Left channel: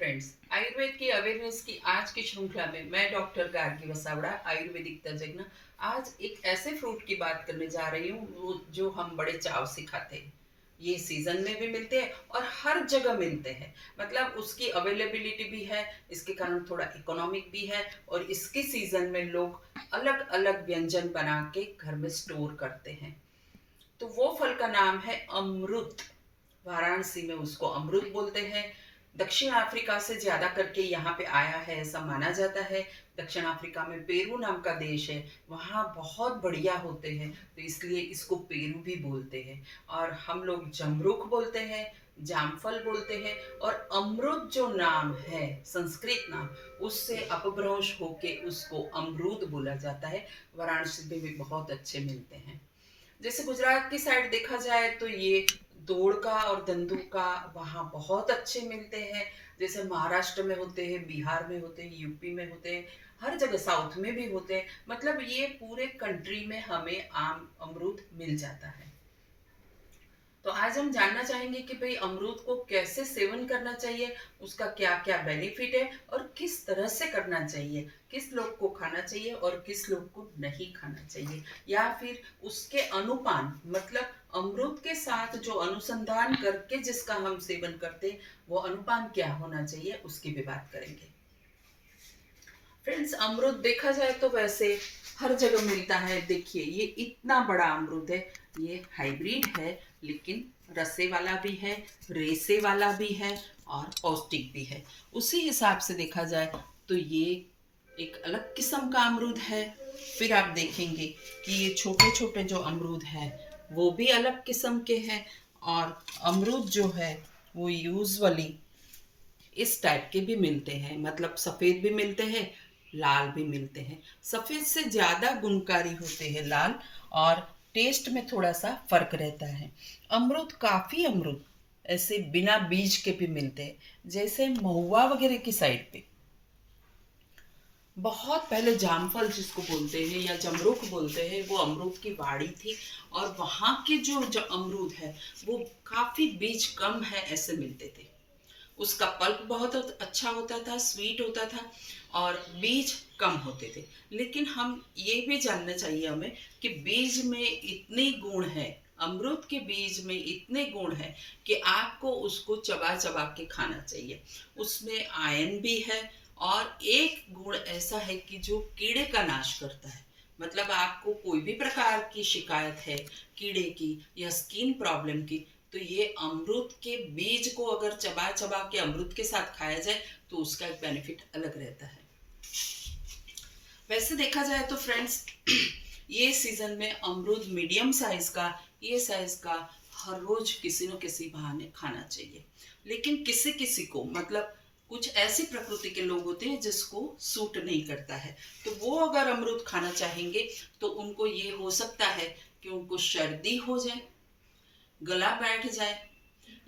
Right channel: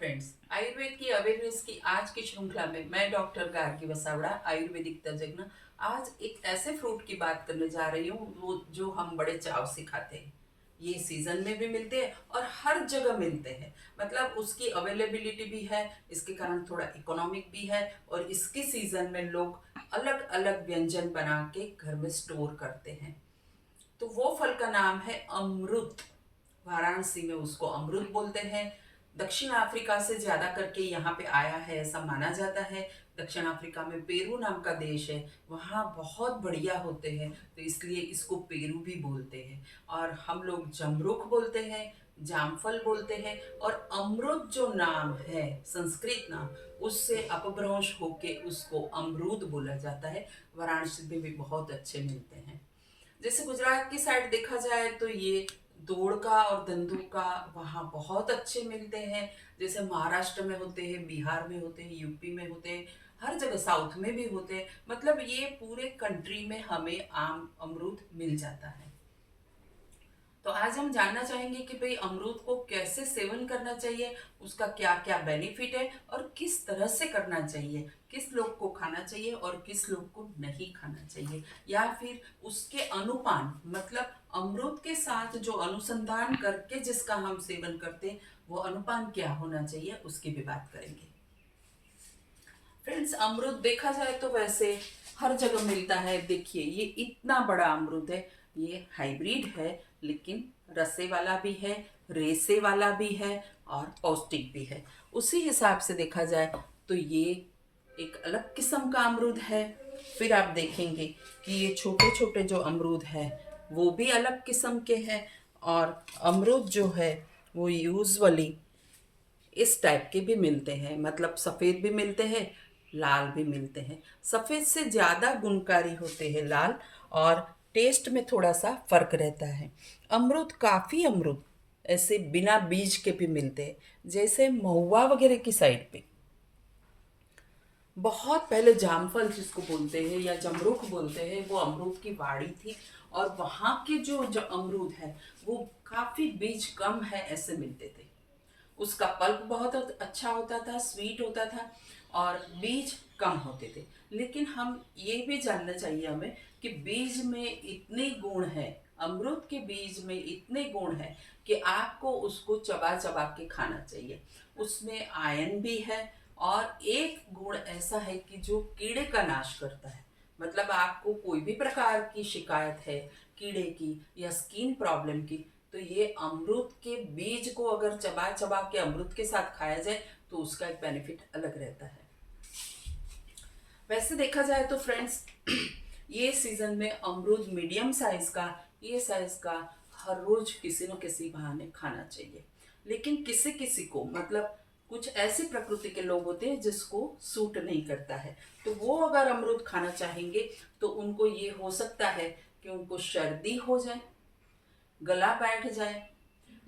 Friends, Ayurveda की awareness की आज की श्रृंखला में मैं डॉक्टर गार्गी वसावड़ा आयुर्वेदिक तज्ञ आज एक ऐसे फ्रूट की बात करने जा रही हूँ वो जो हम बड़े चाव से खाते हैं। ये सीजन में भी मिलते हैं और हर जगह मिलते हैं। मतलब उसकी अवेलेबिलिटी भी है, इसके कारण थोड़ा इकोनॉमिक भी है और इसके सीजन में लोग अलग अलग व्यंजन बना के घर में स्टोर करते हैं। तो वो फल का नाम है अमरूद। वाराणसी में उसको अमरूद बोलते हैं। दक्षिण अफ्रीका से ज़्यादा करके यहाँ पे आया है ऐसा माना जाता है। दक्षिण अफ्रीका में पेरू नाम का देश है, वहाँ बहुत बढ़िया होते हैं तो इसलिए इसको पेरू भी बोलते हैं। और हम लोग जमरुख बोलते हैं, जामफल बोलते हैं। और अमरूद जो नाम है, संस्कृत नाम, उससे अपभ्रंश होके उसको अमरूद बोला जाता है। वाराणसी में भी बहुत अच्छे मिलते हैं। जैसे गुजरात की साइड देखा जाए तो ये दोड़ का और दंदू का वहाँ बहुत अच्छे मिलते हैं। जैसे महाराष्ट्र में होते हैं, बिहार में होते हैं, यूपी में होते हैं, हर जगह साउथ में भी होते हैं। मतलब ये पूरे कंट्री में हमें आम अमरूद मिल जाता है। तो आज हम जानना चाहेंगे कि भाई अमरूद को कैसे सेवन करना चाहिए, उसका क्या क्या बेनिफिट है और किस तरह से करना चाहिए, किस लोग को खाना चाहिए और किस लोग को नहीं खाना चाहिए, या फिर उसके अनुपान, मतलब अमरूद के साथ जो अनुसंधान करके जिसका हम सेवन करते हैं वो अनुपान क्या होना चाहिए उसकी भी बात करेंगे। फ्रेंड्स, अमरूद देखा जाए तो वैसे हर जगह मिलता है। देखिए ये इतना बड़ा अमरूद है, ये हाइब्रिड है लेकिन रसे वाला भी है, रेसे वाला भी है और पौष्टिक भी है। उसी हिसाब से देखा जाए तो ये एक अलग किस्म का अमरूद है। फिर आप देखेंगे कि ये छोटे छोटे जो अमरूद है वो भी अलग किस्म के हैं। और अमरूद जो है वो यूजुअली इस टाइप के भी मिलते हैं, मतलब सफ़ेद भी मिलते हैं, लाल भी मिलते हैं। सफ़ेद से ज़्यादा गुणकारी होते हैं लाल, और टेस्ट में थोड़ा सा फ़र्क रहता है। अमरूद, काफ़ी अमरूद ऐसे बिना बीज के भी मिलते हैं, जैसे महुआ वगैरह की साइड पे। बहुत पहले जामफल जिसको बोलते हैं या जमरुख बोलते हैं, वो अमरूद की वाड़ी थी। और वहाँ के जो अमरूद है वो काफ़ी बीज कम है ऐसे मिलते थे। उसका पल्प बहुत अच्छा होता था, स्वीट होता था और बीज कम होते थे। लेकिन हम ये भी जानना चाहिए हमें कि बीज में इतने गुण है, अमरूद के बीज में इतने गुण है कि आपको उसको चबा चबा के खाना चाहिए। उसमें आयरन भी है और एक गुण ऐसा है कि जो कीड़े का नाश करता है। मतलब आपको कोई भी प्रकार की शिकायत है कीड़े की या स्किन प्रॉब्लम की, तो ये अमरूद के बीज को अगर चबा चबा के अमरूद के साथ खाया जाए तो उसका एक बेनिफिट अलग रहता है। वैसे देखा जाए तो फ्रेंड्स, ये सीजन में अमरूद मीडियम साइज का, ये साइज का हर रोज किसी न किसी बहाने खाना चाहिए। लेकिन किसी किसी को, मतलब कुछ ऐसी प्रकृति के लोग होते हैं जिसको सूट नहीं करता है, तो वो अगर अमरूद खाना चाहेंगे तो उनको ये हो सकता है कि उनको सर्दी हो जाए, गला बैठ जाए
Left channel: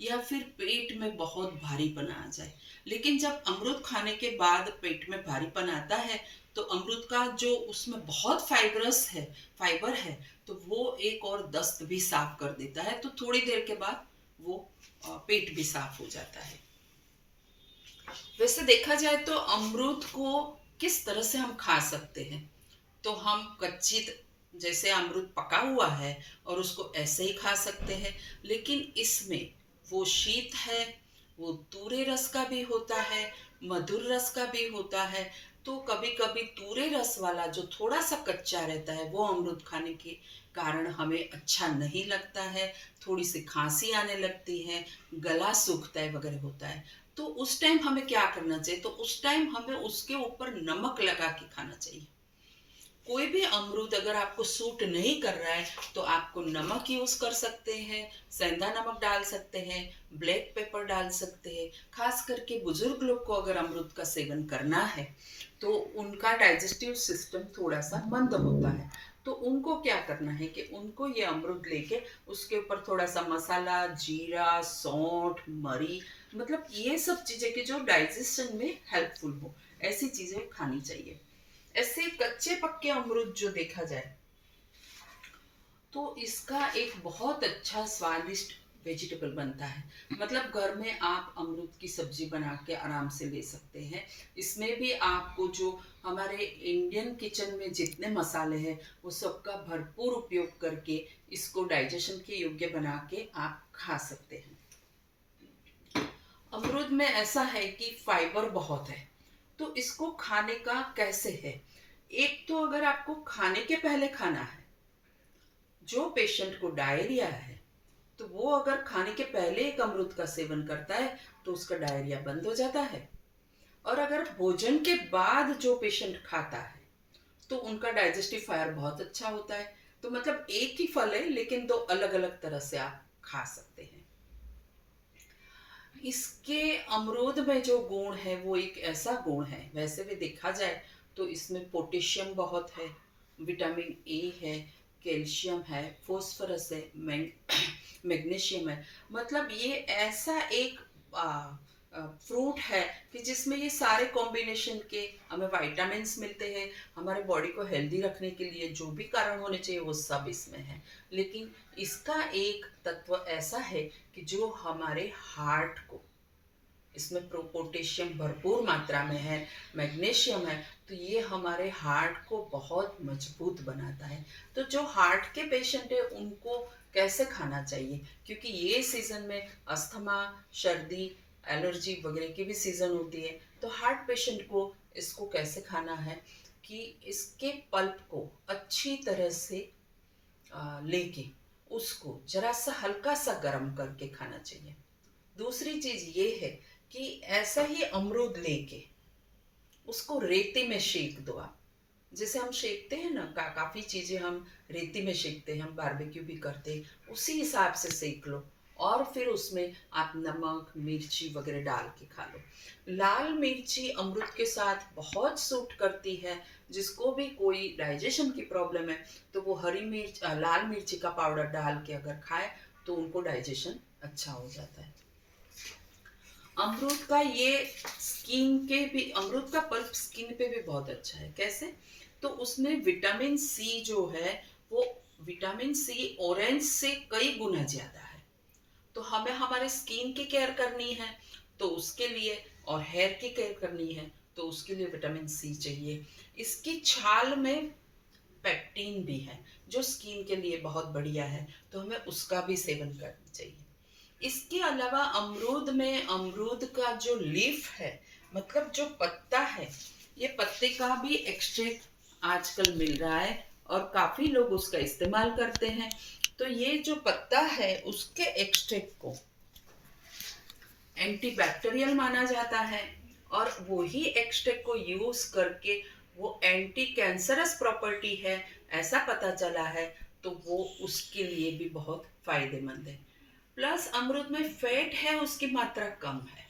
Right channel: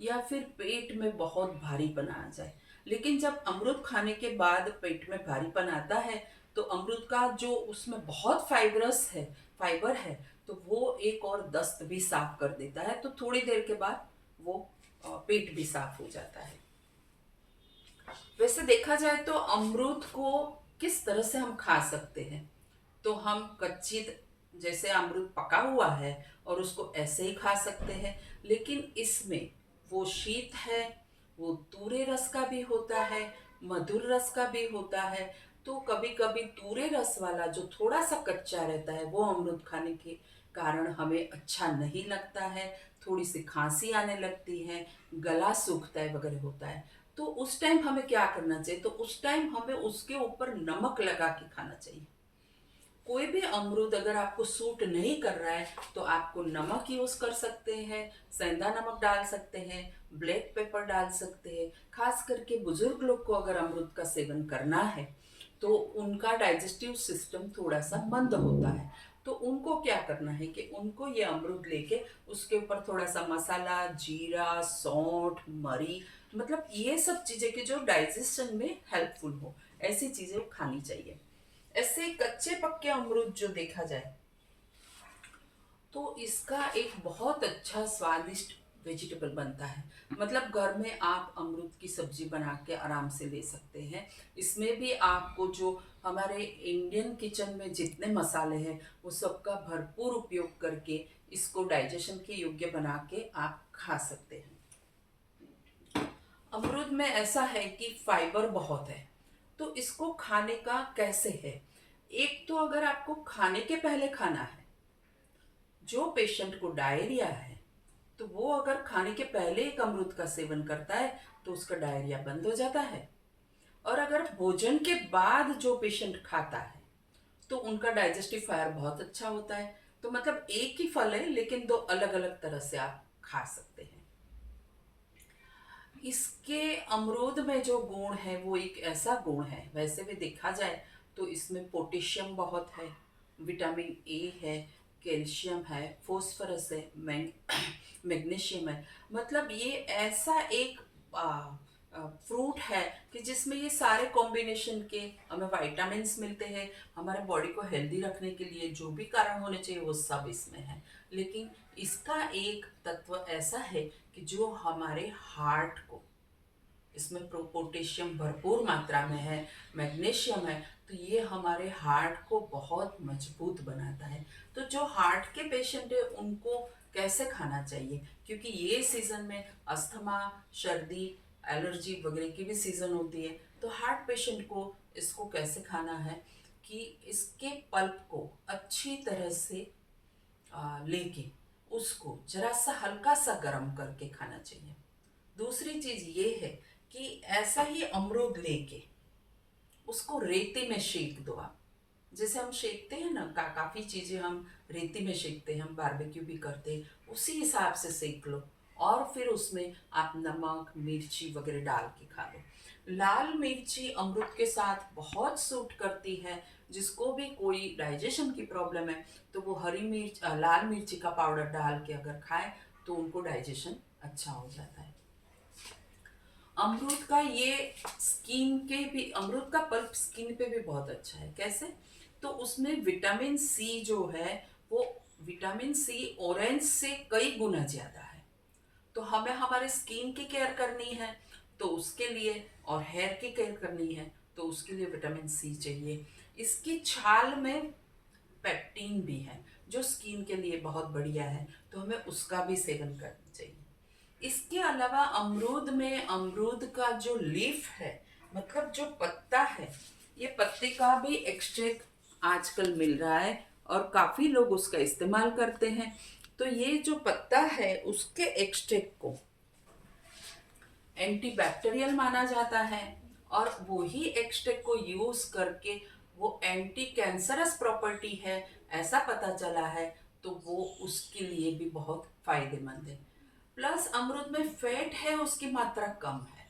या फिर पेट में बहुत भारीपन आ जाए। लेकिन जब अमरूद खाने के बाद पेट में भारीपन आता है तो अमरूद का जो उसमें बहुत फाइबर है, तो वो एक और दस्त भी साफ कर देता है। तो थोड़ी देर के बाद वो पेट भी साफ हो जाता है। वैसे देखा जाए तो अमरूद को किस तरह से हम खा सकते हैं, तो हम कच्ची, जैसे अमरूद पका हुआ है और उसको ऐसे ही खा सकते हैं। लेकिन इसमें वो शीत है, वो तूरे रस का भी होता है, मधुर रस का भी होता है। तो कभी कभी तूरे रस वाला जो थोड़ा सा कच्चा रहता है वो अमरूद खाने के कारण हमें अच्छा नहीं लगता है, थोड़ी सी खांसी आने लगती है, गला सूखता है वगैरह होता है। तो उस टाइम हमें क्या करना चाहिए, तो उस टाइम हमें उसके ऊपर नमक लगा के खाना चाहिए। कोई भी अमरूद अगर आपको सूट नहीं कर रहा है तो आपको नमक यूज कर सकते हैं, सेंधा नमक डाल सकते हैं, ब्लैक पेपर डाल सकते हैं। खास करके बुजुर्ग लोग को अगर अमरूद का सेवन करना है तो उनका डाइजेस्टिव सिस्टम थोड़ा सा मंद होता है। तो उनको क्या करना है कि उनको ये अमरूद लेके उसके ऊपर थोड़ा सा मसाला, जीरा, सौंठ, मरी, मतलब ये सब चीजें कि जो डाइजेशन में हेल्पफुल हो, ऐसी चीजें खानी चाहिए। ऐसे कच्चे पक्के अमरूद जो देखा जाए तो इसका एक बहुत अच्छा स्वादिष्ट वेजिटेबल बनता है। मतलब घर में आप अमरूद की सब्जी बना के आराम से ले सकते हैं। इसमें भी आपको जो हमारे इंडियन किचन में जितने मसाले हैं वो सबका भरपूर उपयोग करके इसको डाइजेशन के योग्य बना के आप खा सकते हैं। अमरूद में ऐसा है कि फाइबर बहुत है, तो इसको खाने का कैसे है। एक तो अगर आपको खाने के पहले खाना है, जो पेशेंट को डायरिया है तो वो अगर खाने के पहले एक अमरूद का सेवन करता है तो उसका डायरिया बंद हो जाता है। और अगर भोजन के बाद जो पेशेंट खाता है तो उनका डाइजेस्टिव फायर बहुत अच्छा होता है। तो मतलब एक ही फल है लेकिन दो अलग अलग तरह से आप खा सकते हैं। इसके अमरूद में जो गुण है वो एक ऐसा गुण है, वैसे भी देखा जाए तो इसमें पोटेशियम बहुत है, विटामिन ए है, कैल्शियम है, फास्फोरस है, मैग्नीशियम है। मतलब ये ऐसा एक फ्रूट है कि जिसमें ये सारे कॉम्बिनेशन के हमें विटामिन्स मिलते हैं। हमारे बॉडी को हेल्दी रखने के लिए जो भी कारण होने चाहिए वो सब इसमें है। लेकिन इसका एक तत्व ऐसा है कि जो हमारे हार्ट को, इसमें पोटेशियम भरपूर मात्रा में है, मैग्नीशियम है, तो ये हमारे हार्ट को बहुत मजबूत बनाता है। तो जो हार्ट के पेशेंट है उनको कैसे खाना चाहिए, क्योंकि ये सीज़न में अस्थमा, सर्दी, एलर्जी वगैरह की भी सीज़न होती है। तो हार्ट पेशेंट को इसको कैसे खाना है कि इसके पल्प को अच्छी तरह से लेके उसको जरा सा हल्का सा गर्म करके खाना चाहिए। दूसरी चीज़ ये है कि ऐसा ही अमरूद लेके उसको रेती में सेक दो आप। जैसे हम सेकते हैं ना, काफ़ी चीज़ें हम रेती में सेकते हैं, हम बारबेक्यू भी करते हैं, उसी हिसाब से सेक लो और फिर उसमें आप नमक मिर्ची वगैरह डाल के खा लो। लाल मिर्ची अमरूद के साथ बहुत सूट करती है। जिसको भी कोई डाइजेशन की प्रॉब्लम है तो वो हरी मिर्च लाल मिर्ची का पाउडर डाल के अगर खाए तो उनको डाइजेशन अच्छा हो जाता है। अमरूद का ये स्किन के भी, अमरूद का पल्प स्किन पे भी बहुत अच्छा है। कैसे? तो उसमें विटामिन सी जो है वो, विटामिन सी ऑरेंज से कई गुना ज़्यादा है। तो हमें हमारे स्किन की केयर करनी है तो उसके लिए, और हेयर की केयर करनी है तो उसके लिए विटामिन सी चाहिए। इसकी छाल में पेक्टिन भी है जो स्किन के लिए बहुत बढ़िया है, तो हमें उसका भी सेवन करना चाहिए। इसके अलावा अमरूद में, अमरूद का जो लीफ है, मतलब जो पत्ता है, ये पत्ते का भी एक्सट्रैक्ट आजकल मिल रहा है और काफ़ी लोग उसका इस्तेमाल करते हैं। तो ये जो पत्ता है उसके एक्सट्रैक्ट को एंटीबैक्टीरियल माना जाता है और वही एक्सट्रैक्ट को यूज़ करके वो एंटी कैंसरस प्रॉपर्टी है ऐसा पता चला है, तो वो उसके लिए भी बहुत फायदेमंद है। प्लस अमरूद में फैट है, उसकी मात्रा कम है।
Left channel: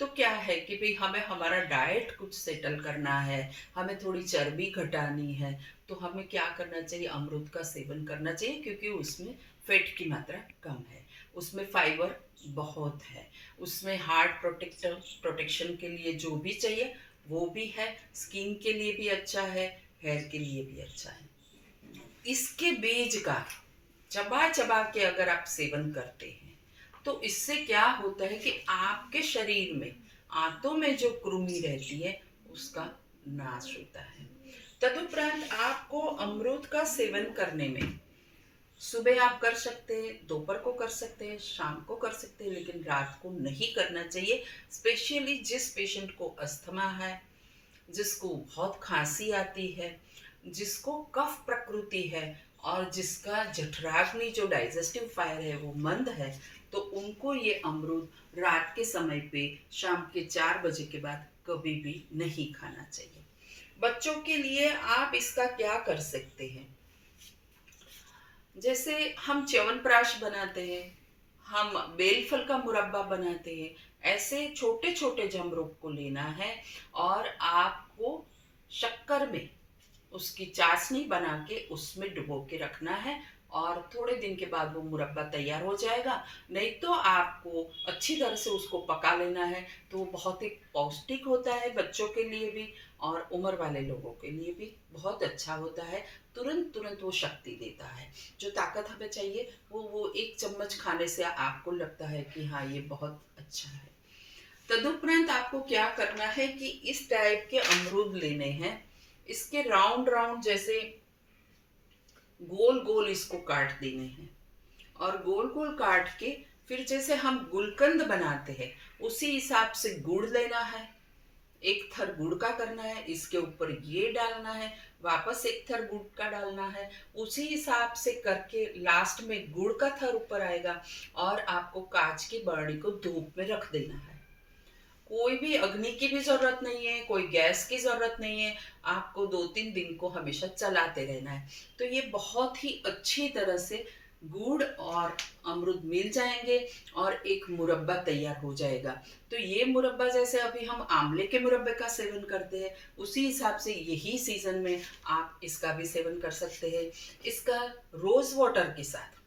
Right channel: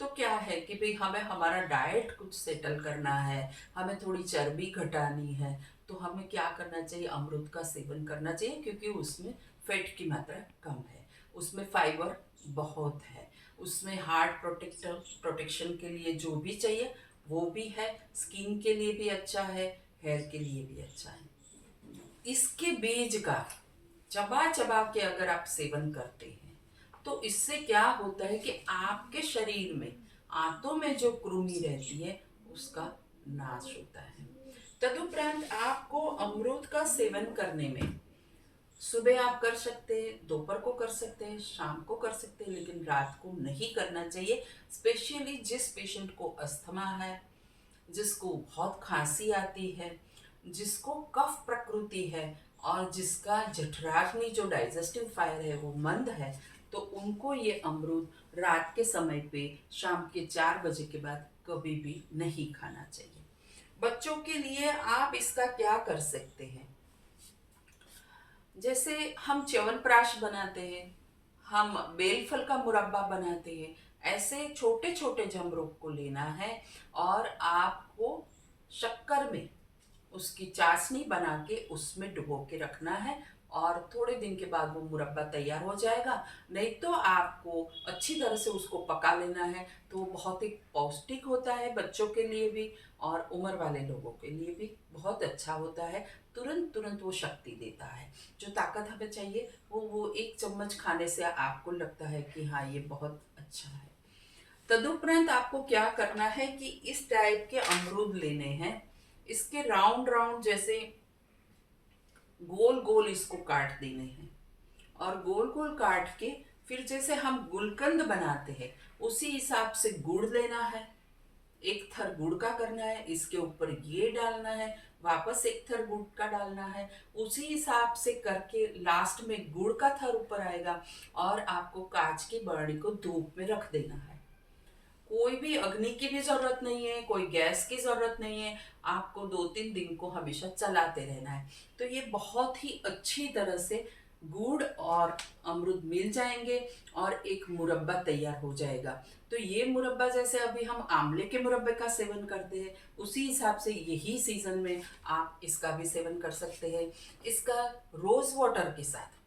तो क्या है कि भाई हमें हमारा डाइट कुछ सेटल करना है, हमें थोड़ी चर्बी घटानी है, तो हमें क्या करना चाहिए, अमरूद का सेवन करना चाहिए क्योंकि उसमें फैट की मात्रा कम है, उसमें फाइबर बहुत है, उसमें हार्ट प्रोटेक्शन के लिए जो भी चाहिए वो भी है, स्किन के लिए भी अच्छा है, हेयर के लिए भी अच्छा है। इसके बीज का चबा चबा के अगर आप सेवन करते हैं तो इससे क्या होता है कि आपके शरीर में आंतों में जो कृमि रहती है उसका नाश होता है। तदुपरांत आपको अमरूद का सेवन करने में सुबह आप कर सकते हैं, दोपहर को कर सकते हैं, शाम को कर सकते हैं, लेकिन रात को नहीं करना चाहिए। स्पेशली जिस पेशेंट को अस्थमा है, जिसको बहुत खांसी आती है, जिसको कफ प्रकृति है और जिसका जठराग्नि जो डाइजेस्टिव फायर है वो मंद है, तो उनको ये अमरूद रात के समय पे शाम के 4 बजे के बाद कभी भी नहीं खाना चाहिए। बच्चों के लिए आप इसका क्या कर सकते हैं, जैसे हम च्यवनप्राश बनाते हैं, हम बेलफल का मुरब्बा बनाते हैं, ऐसे छोटे छोटे जमरूख को लेना है और आपको शक्कर में उसकी चाशनी बना के उसमें डुबो के रखना है और थोड़े दिन के बाद वो मुरब्बा तैयार हो जाएगा। नहीं तो आपको अच्छी तरह से उसको पका लेना है, तो वो बहुत ही पौष्टिक होता है बच्चों के लिए भी और उम्र वाले लोगों के लिए भी बहुत अच्छा होता है। तुरंत तुरंत वो शक्ति देता है, जो ताकत हमें चाहिए वो 1 चम्मच खाने से आपको लगता है कि हाँ, ये बहुत अच्छा है। तदुपरांत आपको क्या करना है कि इस टाइप के अमरूद लेने हैं, इसके राउंड राउंड जैसे गोल गोल इसको काट देने हैं और गोल गोल काट के फिर जैसे हम गुलकंद बनाते हैं उसी हिसाब से गुड़ लेना है। एक थर गुड़ का करना है, इसके ऊपर ये डालना है, वापस एक थर गुड़ का डालना है, उसी हिसाब से करके लास्ट में गुड़ का थर ऊपर आएगा और आपको कांच की बरनी को धूप में रख देना है। कोई भी अग्नि की भी जरूरत नहीं है, कोई गैस की जरूरत नहीं है, आपको 2-3 दिन को हमेशा चलाते रहना है। तो ये बहुत ही अच्छी तरह से गुड़ और अमरूद मिल जाएंगे और एक मुरब्बा तैयार हो जाएगा। तो ये मुरब्बा जैसे अभी हम आंवले के मुरब्बे का सेवन करते हैं, उसी हिसाब से यही सीजन में आप इसका भी सेवन कर सकते हैं। इसका रोज वाटर के साथ,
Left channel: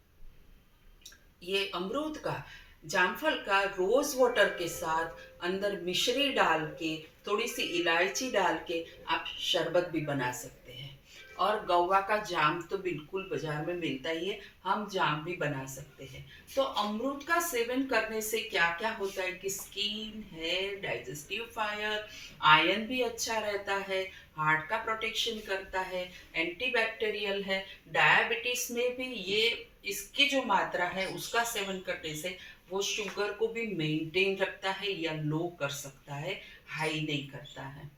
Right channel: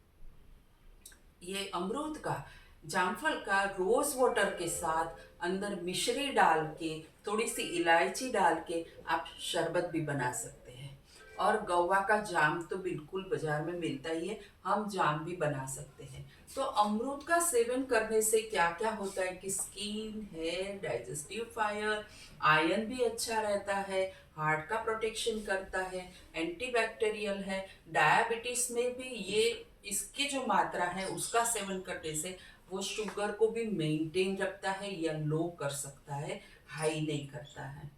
ये अमरूद का, जामफल का रोज वाटर के साथ अंदर मिश्री डाल के, थोड़ी सी इलायची डाल के आप शरबत भी बना सकते हैं। और गौवा का जाम तो बिल्कुल बाजार में मिलता ही है, हम जाम भी बना सकते हैं। तो अमरूद का सेवन करने से क्या क्या होता है कि skin, hair, digestive fire, iron भी अच्छा रहता है, हार्ट का प्रोटेक्शन करता है, एंटीबैक्टीरियल है, डायबिटीज में भी ये इसकी जो मात्रा है उसका सेवन करने से वो शुगर को भी मेंटेन रखता है या लो कर सकता है, हाई नहीं करता है।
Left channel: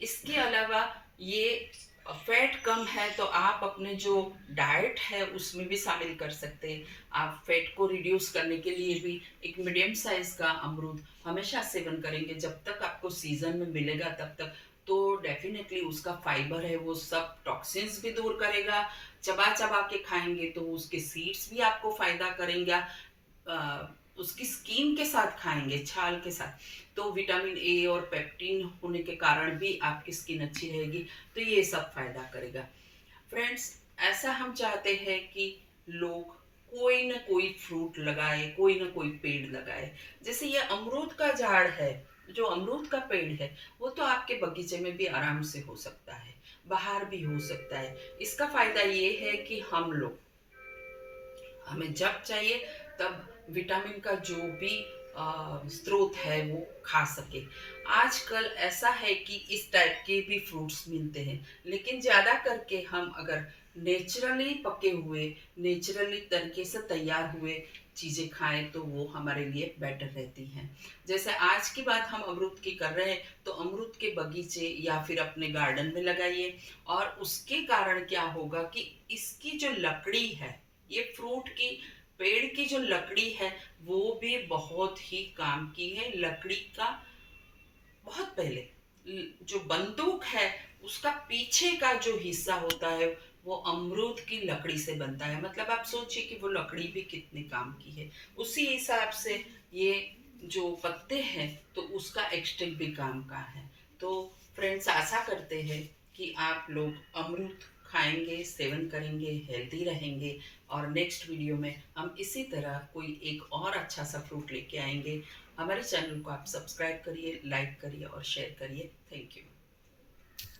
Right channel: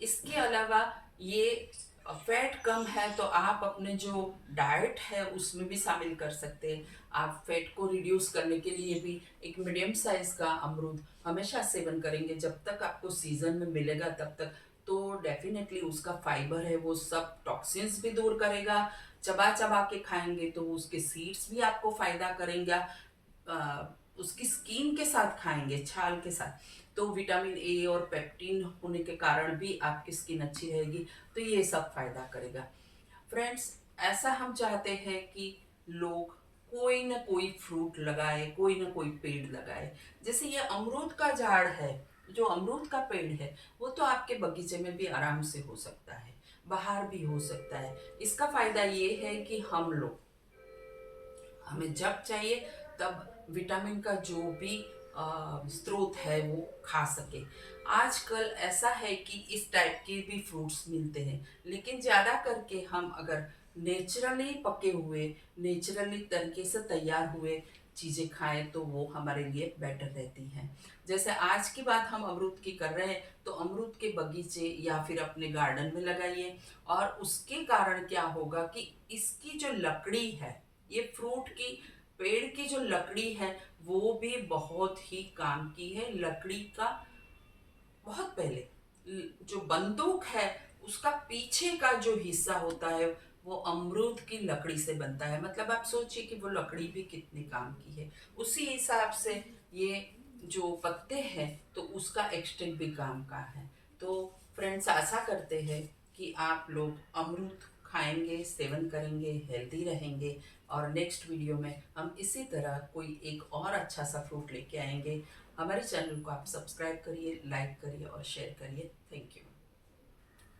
इसके अलावा ये फैट कम है तो आप अपने जो डाइट है उसमें भी शामिल कर सकते हैं। आप फैट को रिड्यूस करने के लिए भी एक मीडियम साइज का अमरूद हमेशा सेवन करेंगे, जब तक आपको सीजन में मिलेगा तब तक। तो डेफिनेटली उसका फाइबर है वो सब टॉक्सिन्स भी दूर करेगा। चबा चबा के खाएंगे तो उसके सीड्स भी आपको फायदा करेंगे। उसकी स्किन के साथ खाएंगे, छाल के साथ, तो विटामिन ए और पेप्टिन होने के कारण भी आपकी स्किन अच्छी रहेगी। तो ये सब फायदा करेगा। फ्रेंड्स, ऐसा हम चाहते हैं कि लोग कोई ना कोई फ्रूट लगाए, कोई ना कोई पेड़ लगाए। जैसे ये अमरूद का झाड़ है, जो अमरूद का पेड़ है वो तो आपके बगीचे में भी आराम से हो सकता है, बाहर भी हो सकता है। इसका फायदा ये है कि हम लोग, हमें जब चाहिए तब विटामिन का जो भी स्रोत है वो खा सके। आजकल ऐसा है कि इस टाइप के भी फ्रूट्स मिलते हैं, लेकिन ज़्यादा करके हम अगर नेचुरली पके हुए, नेचुरली तरीके से तैयार हुए चीज़ें खाएं तो वो हमारे लिए बेटर रहती हैं। जैसे आज की बात हम अमरूद की कर रहे हैं, तो अमरूद के बगीचे या फिर अपने गार्डन में लगाइए। और उसके कारण क्या होगा कि इसकी जो लकड़ी है, ये फ्रूट की पेड़ की जो लकड़ी है वो भी बहुत ही काम की है। लकड़ी का बहुत पहले जो बंदूक है उसका पीछे का जो हिस्सा होता है वो अमरूद की लकड़ी से बनता है। मतलब आप सोचिए कि वो लकड़ी भी कितने काम की है। उसी हिसाब से ये जो पत्ते हैं तो उसका एक्सटेंट भी काम का है। तो फ्रेंड्स, आशा करते हैं कि आप लोग अमरूद खाएंगे, सेवन करेंगे, हेल्दी रहेंगे। और नेक्स्ट वीडियो में हम इसी तरह कोई एक और अच्छा सा फ्रूट लेके आएंगे। हमारे चैनल को आप सब्सक्राइब करिए, लाइक करिए और शेयर करिए। Thank you.